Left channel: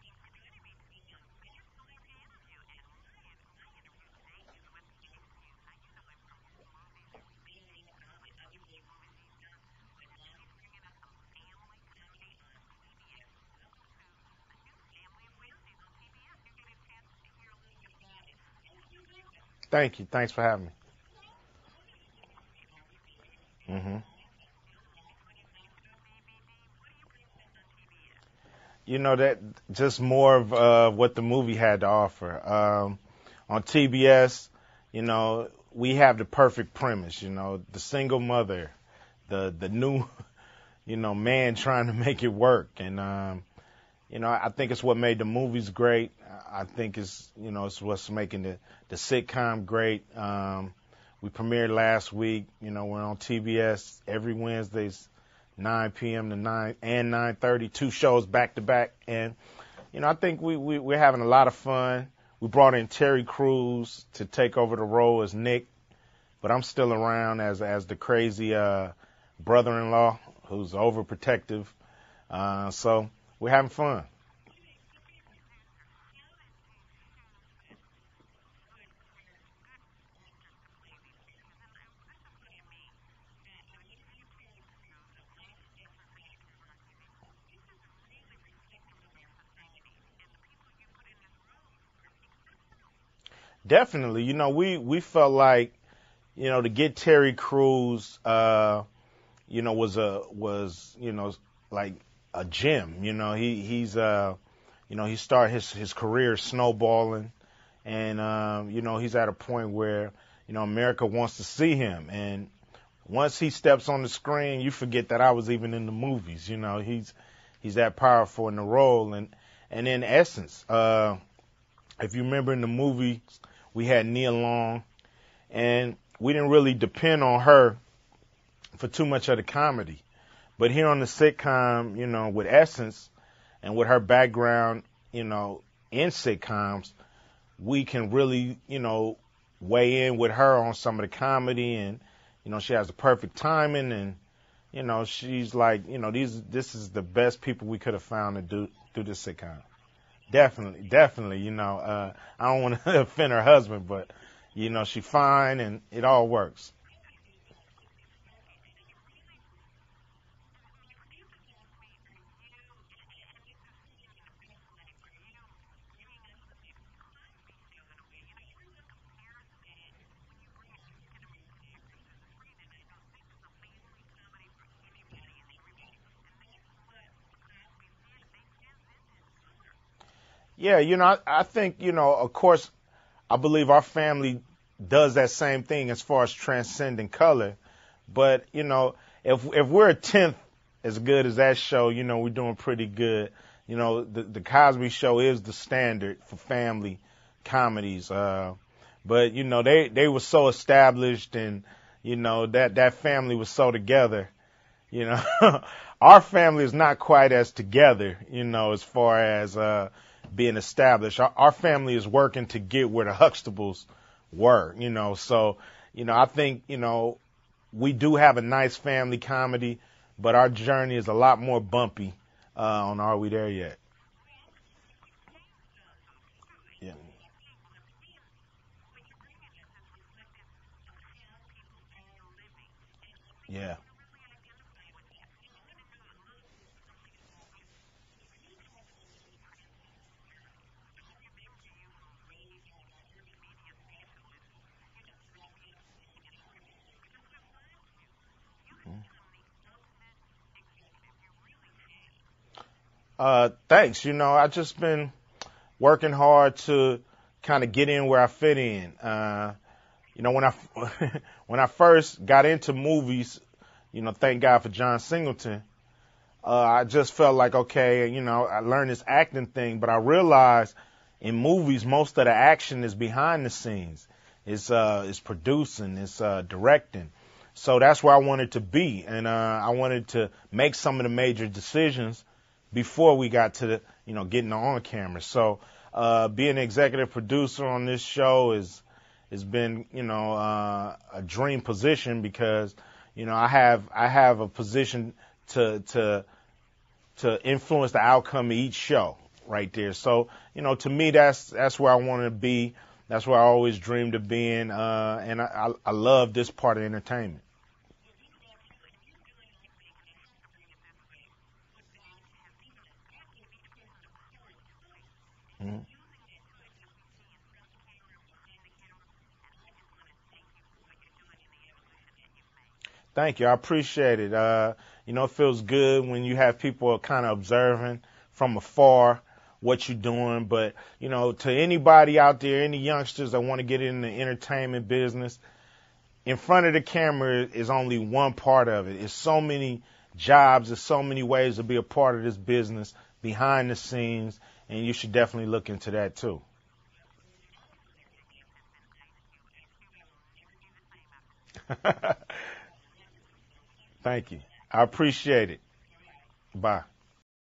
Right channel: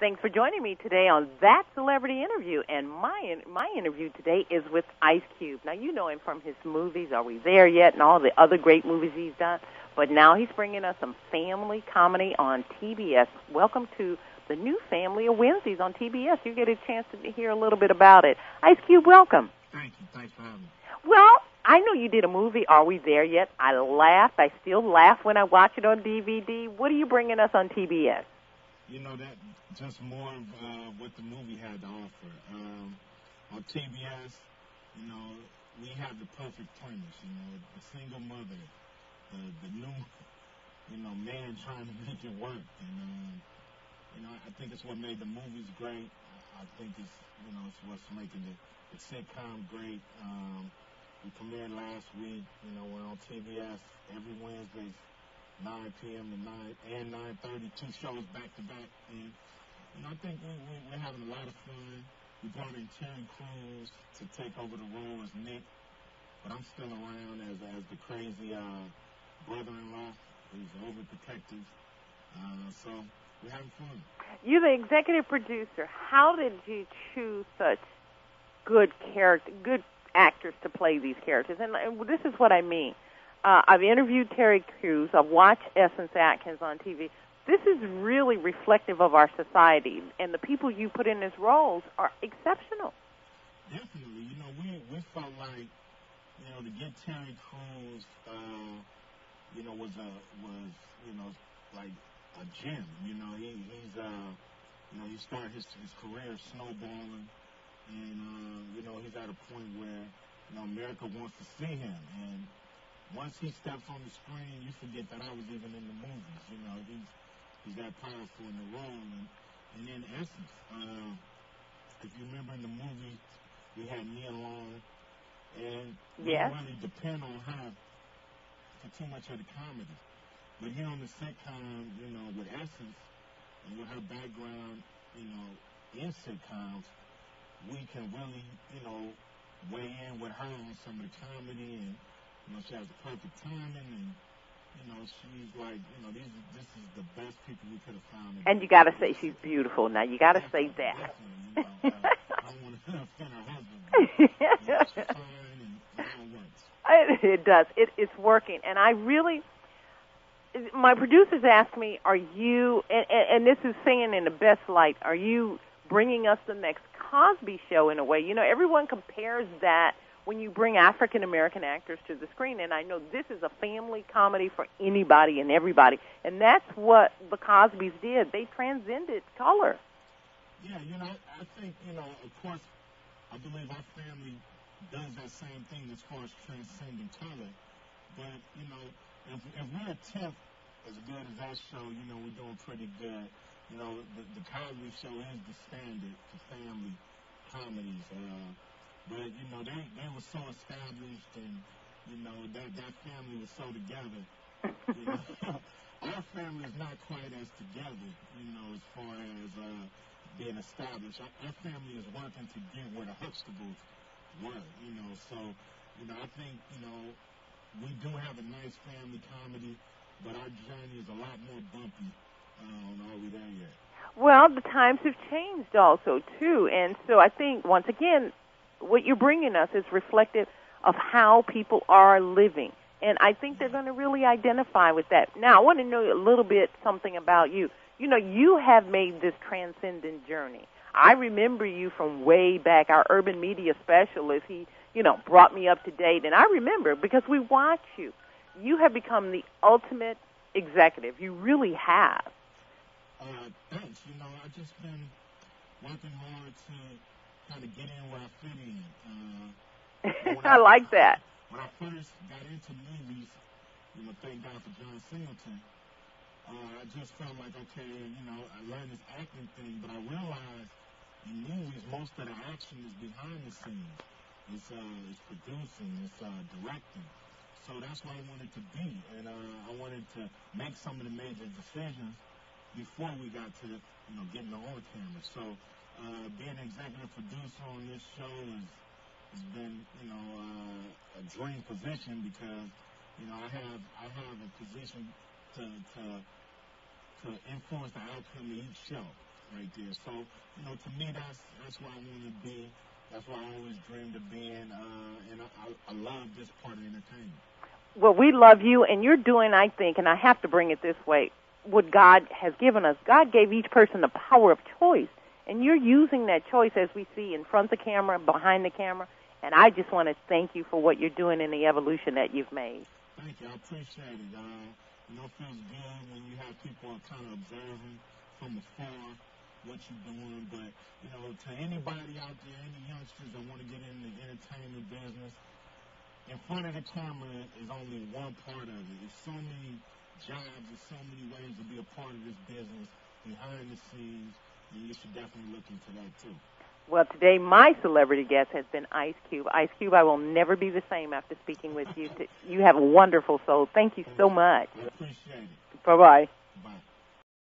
Thanks for joining me today on That Celebrity Interview. And my interview today is with Ice Cube. Now, you know him from his movies, Are We There Yet, and all the other great movies he's done. But now he's bringing us some family comedy on TBS. Welcome to the new family of Wednesdays on TBS. You get a chance to hear a little bit about it. Ice Cube, welcome. Thank you. Thanks for having me. Well, I know you did a movie, Are We There Yet? I laughed. I still laugh when I watch it on DVD. What are you bringing us on TBS? You know, that just more of what the movie had to offer. On TBS, you know, we have the perfect premise, you know, the single mother, the new, you know, man trying to make it work. And, you know, I think it's what made the movies great. I think it's, you know, it's what's making the sitcom great. We premiered last week. You know, we're on TBS every Wednesdays, 9 p.m. to 9 and 9:30, two shows back to back. And, you know, I think we're having a lot of fun. We brought in Terry Crews to take over the role as Nick, but I'm still around as the crazy brother-in-law who's overprotective. So we're having fun. You're the executive producer. How did you choose such good actors to play these characters? And this is what I mean. I've interviewed Terry Crews. I've watched Essence Atkins on TV. This is really reflective of our society, and the people you put in these roles are exceptional. Definitely. You know, we felt like, you know, to get Terry Crews, you know, was you know, like a gem. You know, he's you know, he started his career snowballing, and you know, he's at a point where, you know, America wants to see him. And once he steps on the screen, you forget that I was even in the movies. You know, he's that powerful in the role. And in Essence, if you remember in the movie, we had Nia Long, and we didn't really depend on her for too much of the comedy. But here on the sitcom, you know, with Essence and with her background, you know, in sitcoms, we can really, you know, weigh in with her on some of the comedy. And you know, she has the perfect timing, and you know, she's like, you know, this is the best people we could have found to do. And you got to say she's beautiful. Now you got to say that. Definitely, you know, I don't want to offend her husband, but you know, she's fine, and it all works. It does. It's working, and I really. My producers asked me, "Are you?" And this is saying in the best light. Are you bringing us the next Cosby Show in a way? You know, everyone compares that when you bring African-American actors to the screen, and I know this is a family comedy for anybody and everybody, and that's what the Cosbys did. They transcended color. Yeah, you know, I think, you know, of course, I believe our family does that same thing as far as transcending color, but, you know, if we're a tenth as good as that show, you know, we're doing pretty good. You know, the Cosby Show is the standard for family comedies. But, you know, they were so established, and, you know, that family was so together. You know, our family is not quite as together, you know, as far as being established. Our family is working to get where the Huxtables were, you know. So, you know, I think, you know, we do have a nice family comedy, but our journey is a lot more bumpy on Are We There Yet? Well, the times have changed also, too. And so I think, once again, what you're bringing us is reflective of how people are living. And I think they're going to really identify with that. Now, I want to know a little bit something about you. You know, you have made this transcendent journey. I remember you from way back, our urban media specialist. He, you know, brought me up to date. And I remember because we watch you. You have become the ultimate executive. You really have. Thanks. You know, I've just been working hard to kind of get in where I fit in. You know, when I like that. When I first got into movies, you know, thank God for John Singleton, I just felt like, okay, you know, I learned this acting thing, but I realized in movies most of the action is behind the scenes. It's producing, it's directing. So that's where I wanted to be, and I wanted to make some of the major decisions before we got to the, you know, getting on camera. So being an executive producer on this show has been, you know, a dream position because, you know, I have a position to influence the outcome of each show. right there. So, to me, that's where I want to be. That's where I always dreamed of being, and I love this part of entertainment. Well, we love you, and you're doing, I think, and I have to bring it this way, what God has given us. God gave each person the power of choice, and you're using that choice, as we see, in front of the camera, behind the camera, and I just want to thank you for what you're doing in the evolution that you've made. Thank you. I appreciate it. It feels good when you have people kind of observing from afar what you're doing. But, to anybody out there, any youngsters that want to get in the entertainment business, in front of the camera is only one part of it. It's so many jobs, there's so many ways to be a part of this business behind the scenes, and you should definitely look into that too. Well, today my celebrity guest has been Ice Cube. Ice Cube, I will never be the same after speaking with you. You have a wonderful soul. Thank you so much. I appreciate it. Bye-bye. Bye.